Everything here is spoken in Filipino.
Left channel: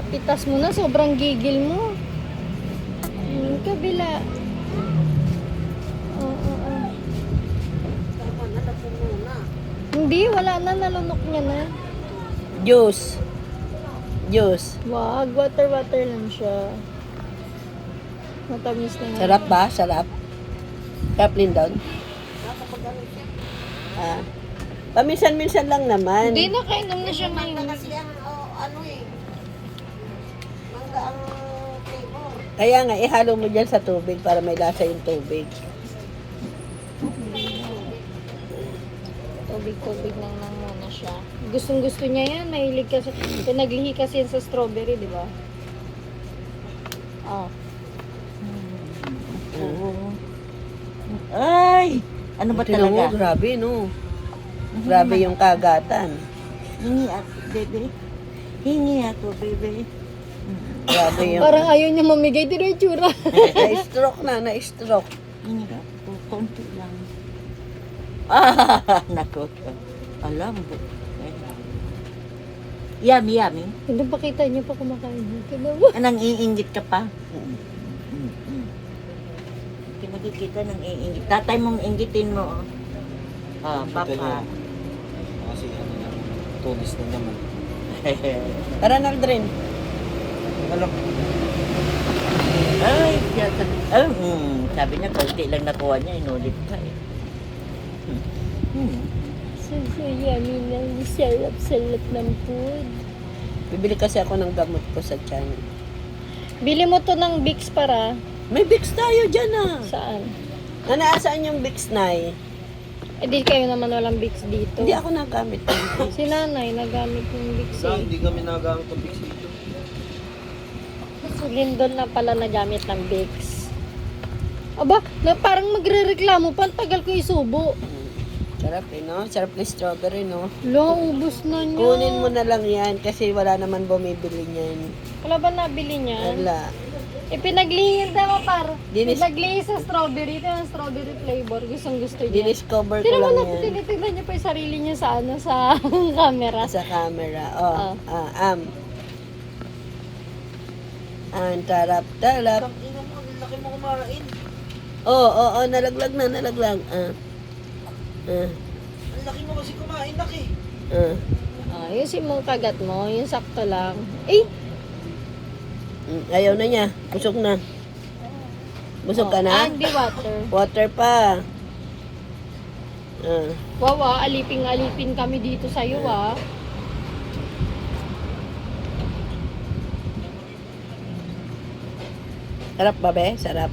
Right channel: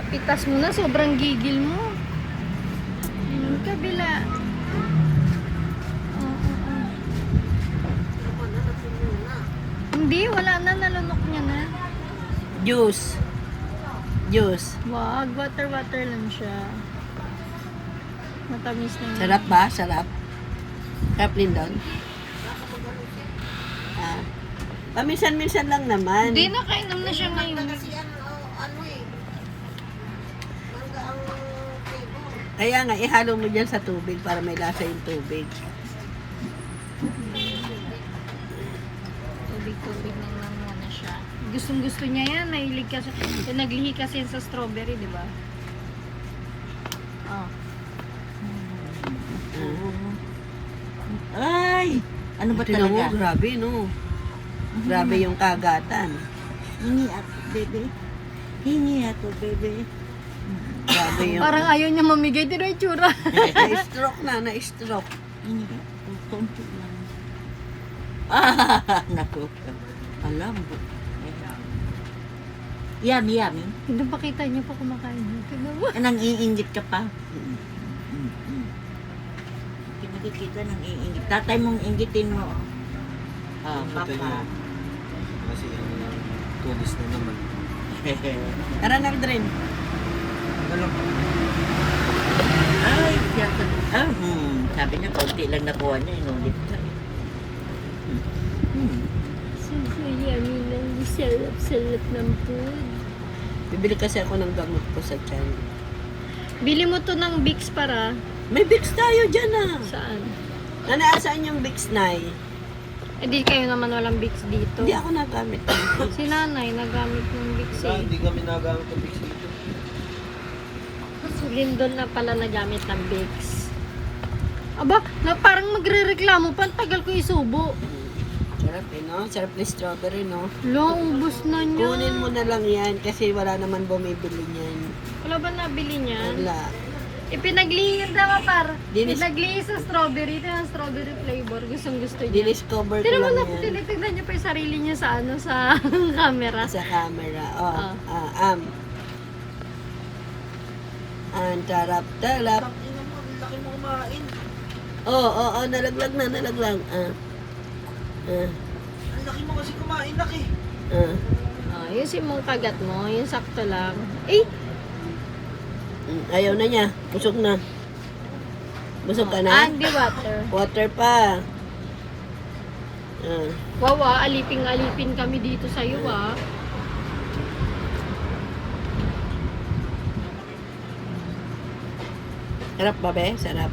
Napitas mo na, sobrang gigil mo. Yung kabila. Hindi, wala na, nalunok niya na. Juice. Juice. Wag, water lang siya. Matamis na. Sarap ba? Sarap. Sarap Lindon. Ah. Paminsan-minsan lang naman. Hindi, nakainom na siya ngayon. Kaya nga, ihalo mo dyan sa tubig para may lasa yung tubig. Tubig lang muna siya. Gustong-gusto niya yan. Mahilig kasi. Naglihi kasi sa strawberry, di ba? Oh. Ay! Ano ba Tingnan mo, talaga? grabe, no? Grabe yung kagatan. Hingi ato, baby. Hingi ato, baby. Grabe yung... Parang ayaw niya mamigay. Di na itsura. Na-stroke na, na-stroke. Hingi ato, konti lang. Ah, naku. Alam mo. Yummy, yummy. Hindi pa kita niyo pa kumakain. Tignan mo. Anong iingit ka pa? Hindi mo kita nang iingit. Tatay mong inggitin mo. Ah, papa. Kasi ano na, tulis na naman. Tara na, Aldrin. Alam ko. Ay, sabi niya, konti lang nakuha niya, inulit ka eh. So yummy na. Sarap-sarap ng food. Bibili kasi ako ng gamot ko sa tiyan. Bili mo to ng Vicks para. May Vicks tayo dyan ah. Saan? Nanasaan yung Vicks, Nay? Eh di kayo naman walang Vicks dito. Hindi ako nagamit ng Vicks. Si nanay nagamit yung Vicks Wala, eh. hindi kami nagamit ng Vicks dito. Si Lindon na pala nagamit ng Vicks. Aba, parang magre-reklamo pa. Ang tagal ko isubo. Sarap eh, no? Sarap na strawberry, no? Lo, ubus na niya. Kunin mo na lang yan kasi wala naman bumibili niyan. Wala ba nabili niya? Wala. Ipinaglihin daw par. Dinis- Pinaglihin sa strawberry. Ito yung strawberry flavor. Gustong gusto niya. Diniscover ko Tignan mo lang na, yan. tinitignan niya pa yung sarili niya sa ano, sa camera. Sa camera. Oh, Ah. Ang tarap-tarap. Ang ina mo, ang laki mo kumain. Oo, nalaglag na, nalaglag. Ang laki mo kasi kumain, laki. Ayusin mo kagat mo. Yung sakto lang. Eh! Ayaw na niya. Busog na. Busog ka na? And the water. Water pa. Wawa, aliping-alipin kami dito sa'yo ah. Sarap ba, be? Sarap.